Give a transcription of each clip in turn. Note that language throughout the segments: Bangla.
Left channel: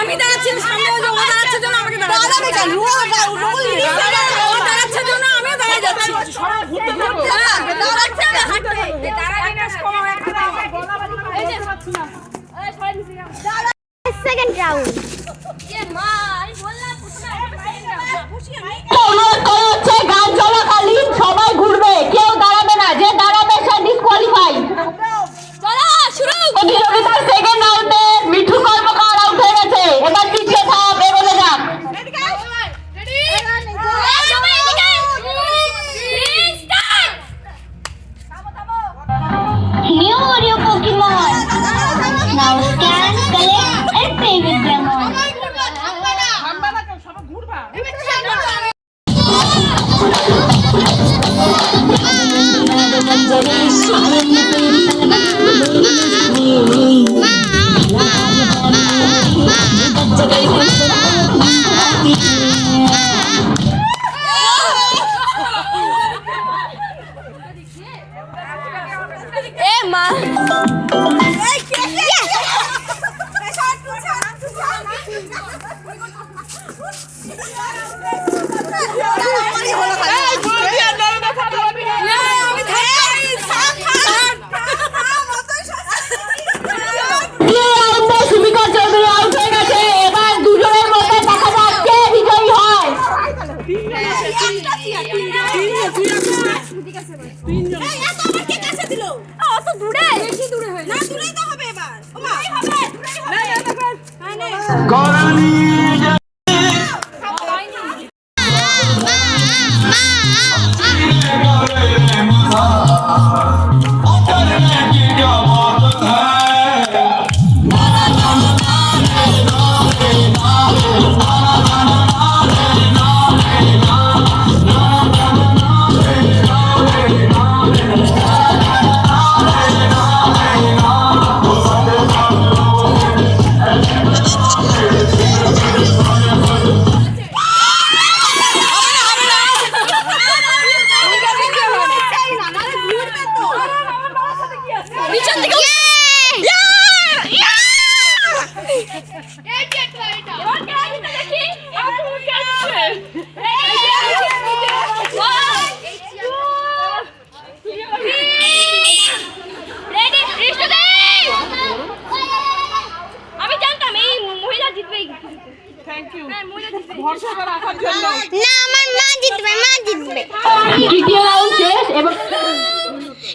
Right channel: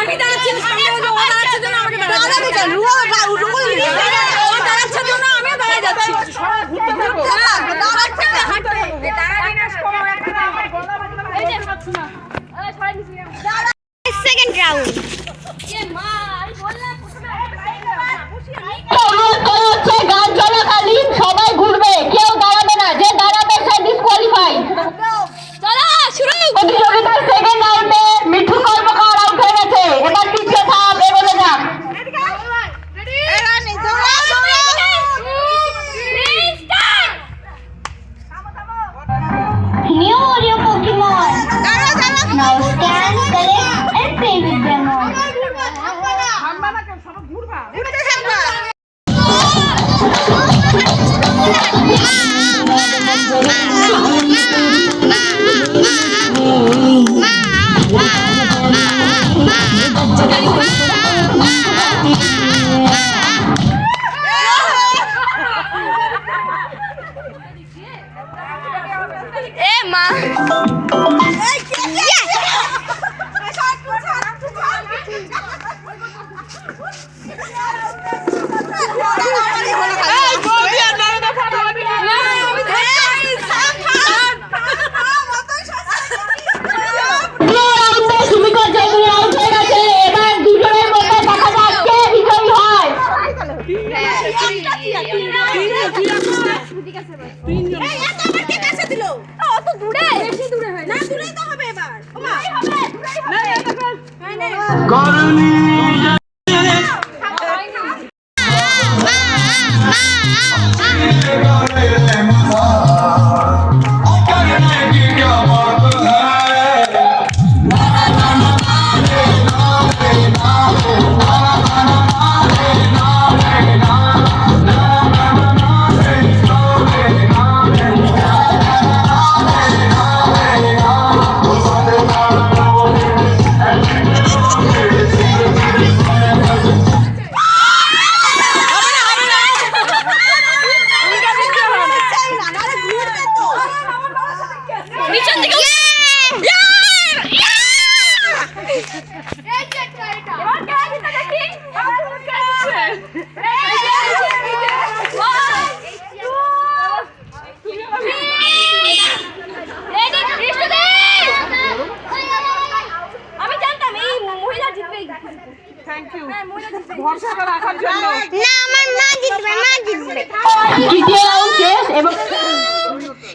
আমি দাঁড়াচ্ছি সামনে, ও দাঁড়াচ্ছে জন্য আমাকে ও দাঁড়াচ্ছে জন্য আমিও দাঁড়ায় যাচ্ছি। সেকেন্ড রাউন্ড গান চলাকালীন সবাই ঘুরবে, কেউ দাঁড়াবে না, যে দাঁড়াবে সে ডিসকোয়ালিফাই। প্রতিযোগিতার সেকেন্ড রাউন্ডে মিঠু কর্মকার আউট হয়ে গেছে। এবার পিছিয়ে থাক, এগোলে যাক। New audio Pokemon. Now scan, collect and play with them all.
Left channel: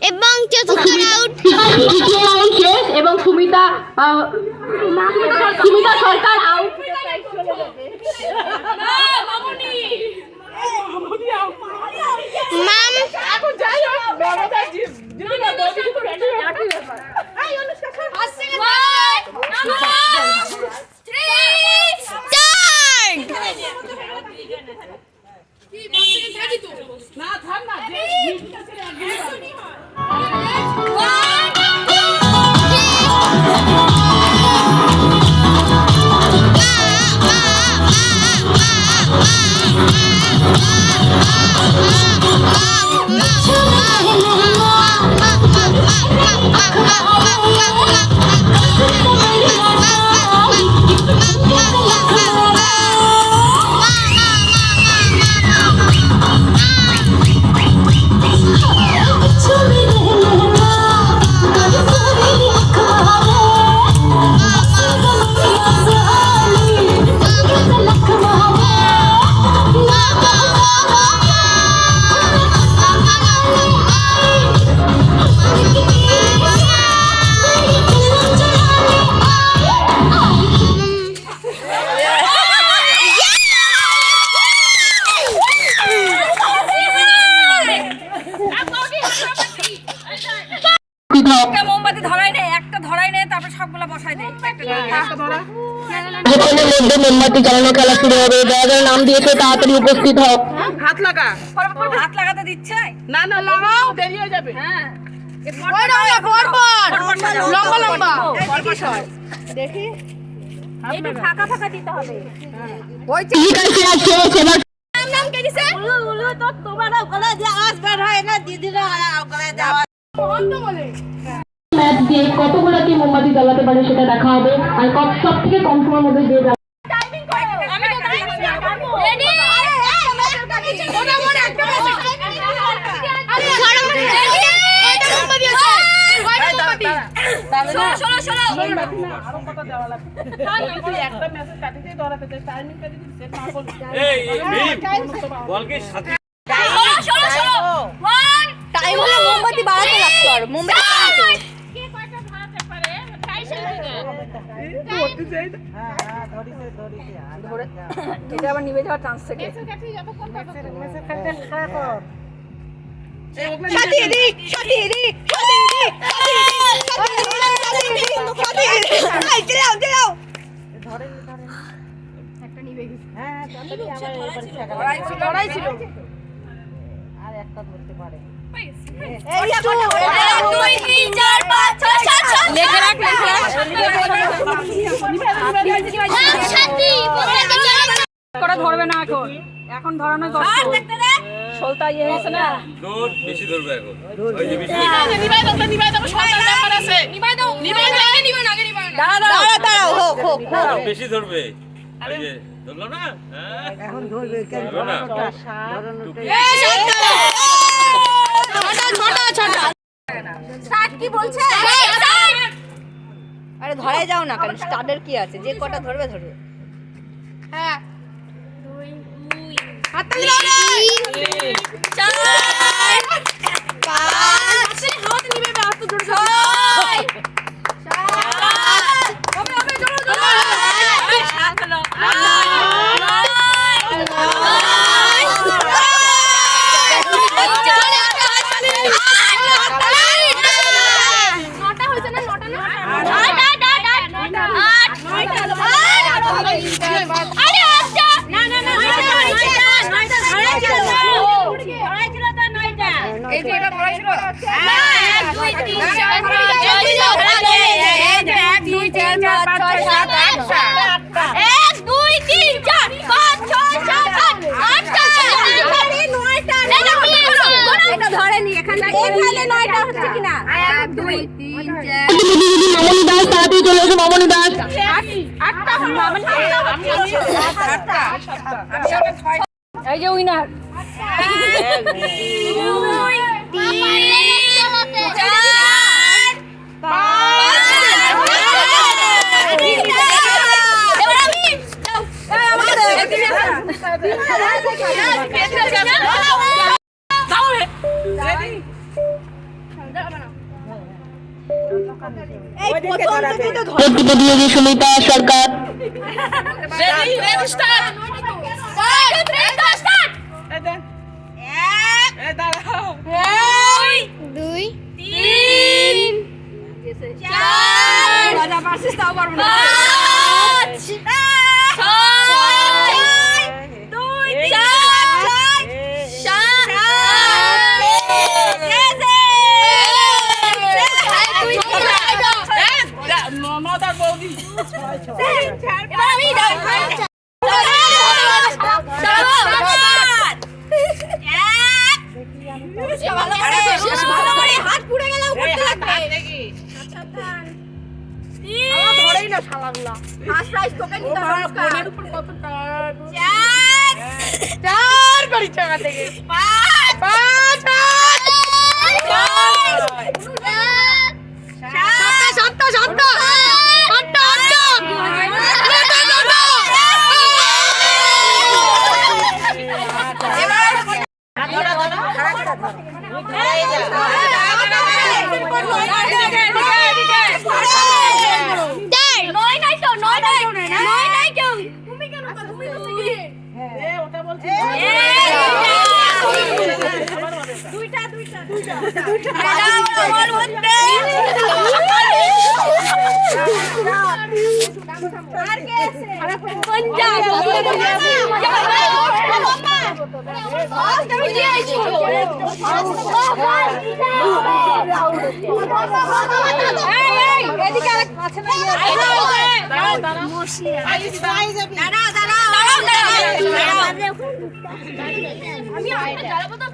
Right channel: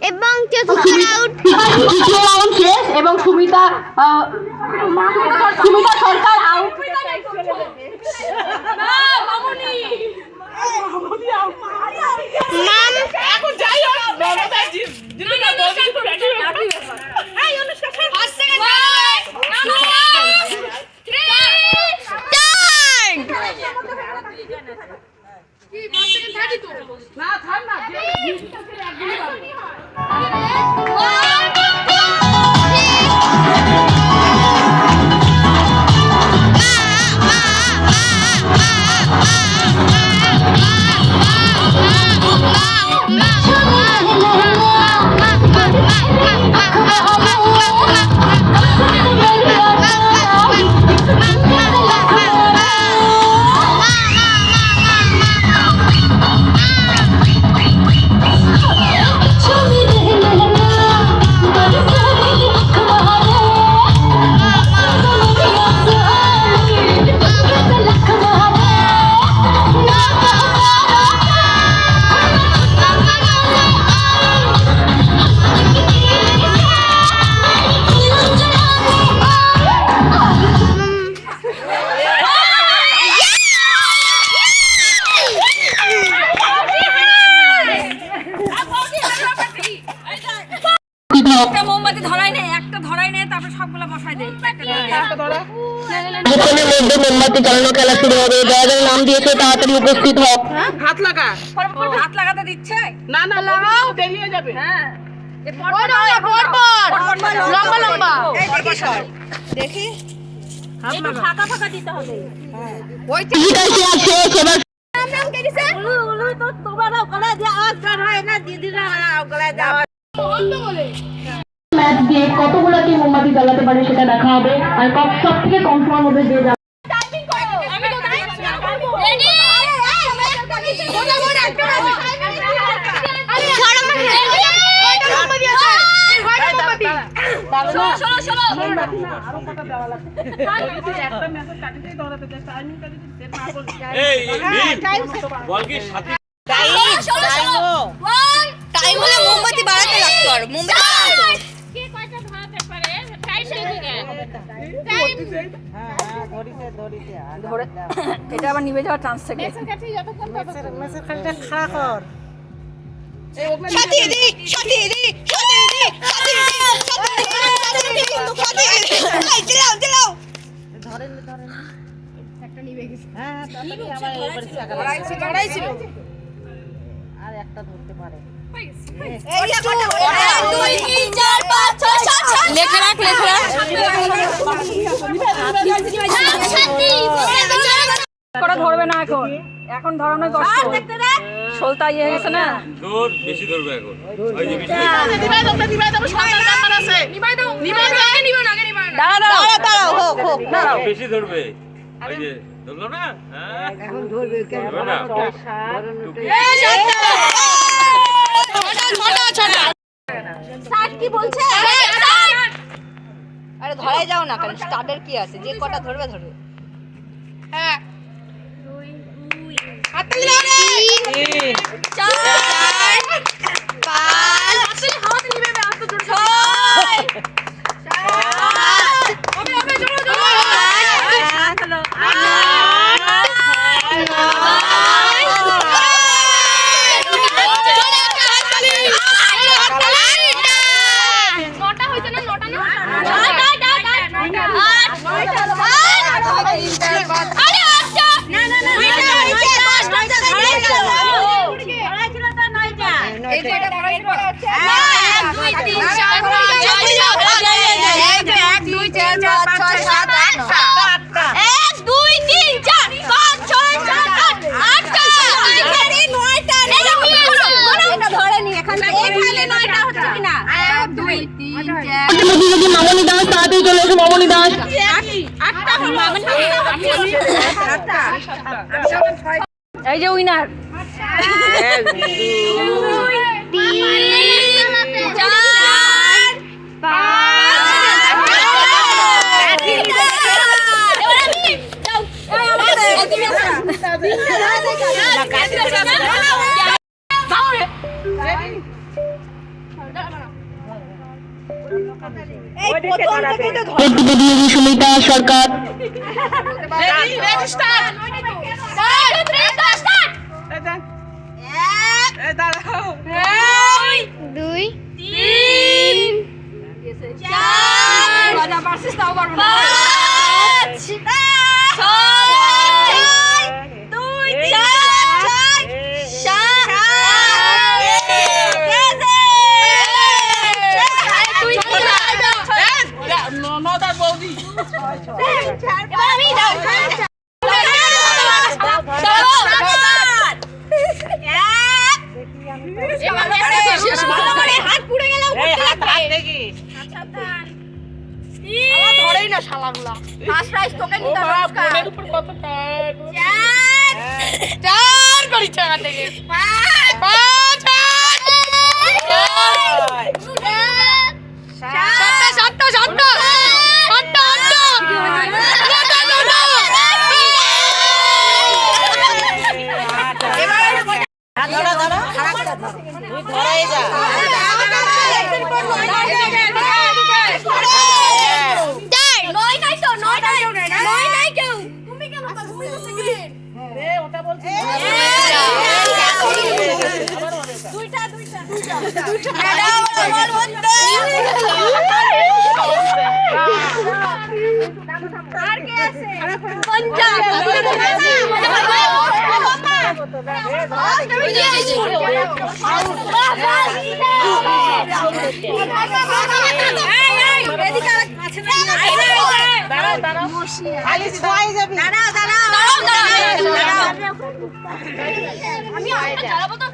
এবং চতুর্থ রাউন্ড শেষ এবং সুমিতা সরকার আউট। মোমবাতি চালানো খেলা শুরু হবে। যারা যারা নাম দিয়েছে তাড়াতাড়ি উপস্থিত হোক। হাত লাগা, হাত লাগাতে দিচ্ছে না, না লাগাও, দেরি হয়ে যাবে। হ্যাঁ লম্বা লম্বা দেখি, একটু ফাঁকা ফাঁকা দিতে হবে। ওই নাম নাম কে দিছে? উলু উলু তো তোমরা গলায় দিয়ে আওয়াজ বের হয় না, দিদিরা গলায় দাও বন্ধ বলে। যে কতগুলো কি মোমবাতি জ্বালাতে পারে সেটা দেখা হবে। আর সব থেকে কম সময়ের মধ্যে যে মোমবাতি বাড়াতে লাগতো আর মোমবাতি এটা আবার নিভে যাওয়ার চান্স থাকে। ধরবে না এখন, এখন ধরানো কষ্ট। সলতা ইয়ে গেছে না, দূর বেশি ধরবে এখন। ওই যে বেশি নিবাই দাও, নিবাই দাও, সলতার ব্যাপার আছে। নিবাই দাও, নিবাই দাও, আগে নিবা না, আগে নিবা না। দাঁড়াও দাঁড়াও, হোক হোক হোক, বেশি ধরবে। ওই যে ধরলো না, হ্যাঁ এখন ধরবে কেন? ধরো স্টার্ট কি বলছে? আরে ধরে যাও না কেন, স্টার্টের কি আছে, যে কটা ধরবে ধরবে। হ্যাঁ 2 4 5 হাত নিবে না, হাত ধরে 6 ওকে ওকে জোরে জোরে 8 9 ধরেনি এখানে 9টা হচ্ছে কিনা 1 2 3 4 মামনি দাস তাড়াতাড়ি চলে এসো। মামনি দাস 8টা হলো। এই যে উইনার 2 3 4 সুমিতা সরকার হাত পুড়ে গেল ধরেই না শালাগুলা। ফার্স্ট প্রাইজ তোকে নিতে হবে। ফোনের উপর কত টান 4 করি চাকা থেকে 5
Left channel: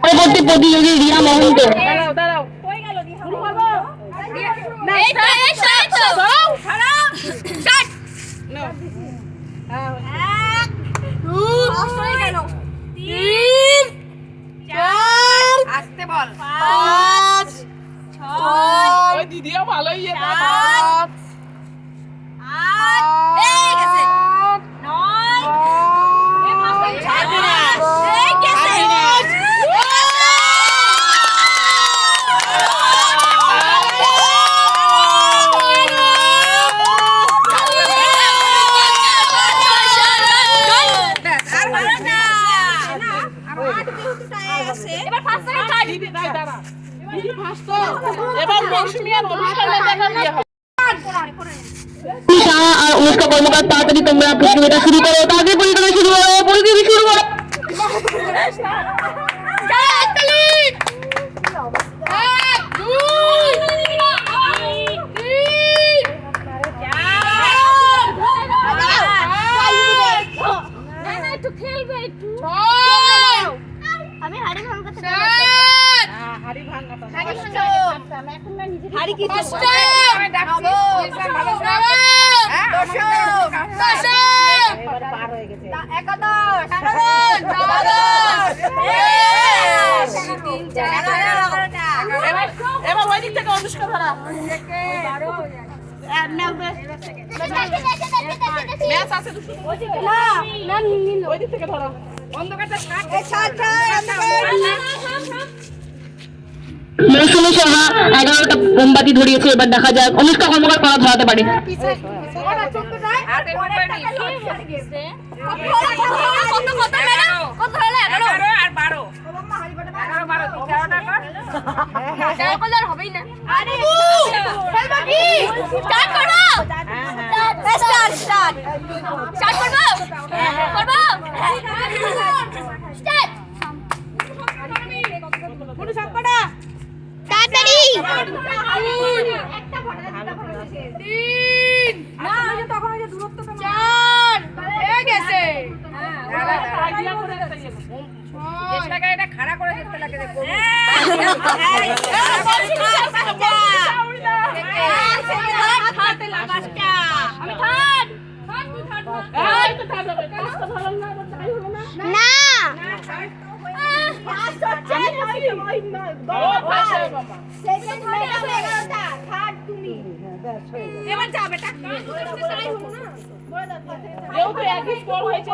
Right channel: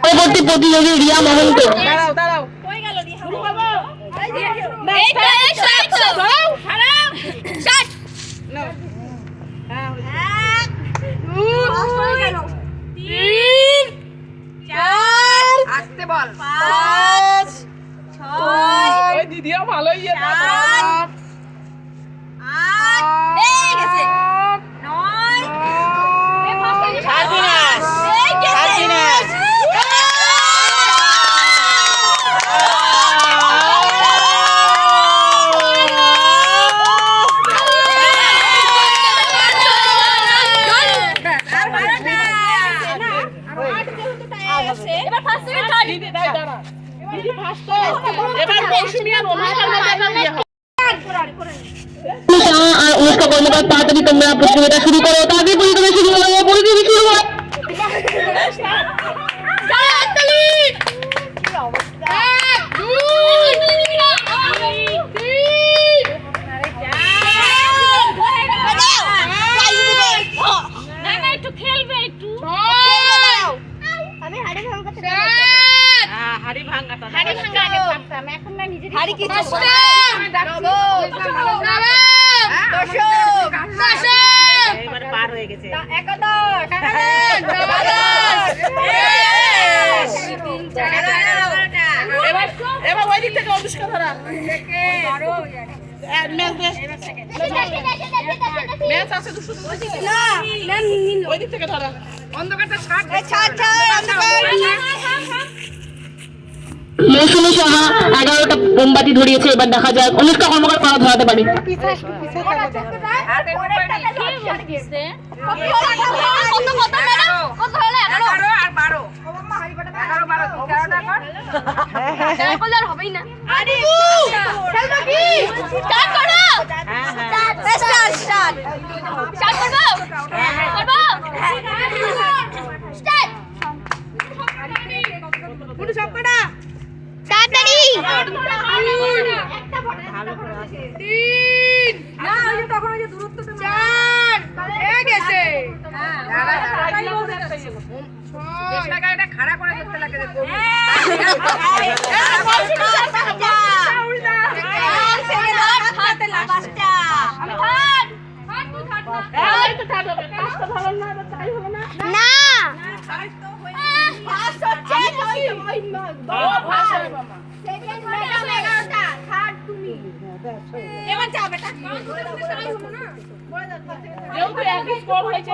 পরবর্তী প্রতিযোগী রিয়া মহন্ত। আসতে বল। 5 6 ওই দিদিও ভালোই ইয়ে দাও। 8 এই গেছে 9 এই ফার্স্ট এই গেছে এবার ফার্স্ট সেকেন্ড থার্ড দিদি দাই দাঁড়া। দিদি ফার্স্ট তো। এবার মৌসুমী আর অনুষ্কার মধ্যে বিয়ে হবে। আর অনুষ্কা কর্মকার তাড়াতাড়ি তোমরা প্রতিযোগিতা শুরু করো, তাড়াতাড়ি পরিক্রমা শুরু করো, পরিক্রমা শুরু করো। একটু খেলবে একটু আমি হাড়ি ভাঙাতে হাড়ি ভাঙাটা। হাড়ি ভাঙা আগে পারতাম এখন না নিজে হাড়ি কি এবারে পার হয়ে গেছে। এবার ওই দিক থেকে অনুষ্কা ধরা। ম্যাচ আছে দুশো। ওই দিক থেকে ধরা। অন্ধকারটা ছাড়। মৌসুমী সাহা 11টা মোমবাতি ধরিয়েছে, এবার দেখা যাক অনুষ্কা কর্মকার করা ধরাতে পারে। হবেই না স্টার্ট করো স্টার্ট করবো করবো স্টার্ট তাড়াতাড়ি খাড়া করে দেখতে লাগে দেখো। আমি থার্ড না এবার যা বেটা যেহেতু একই স্কোর হয়েছে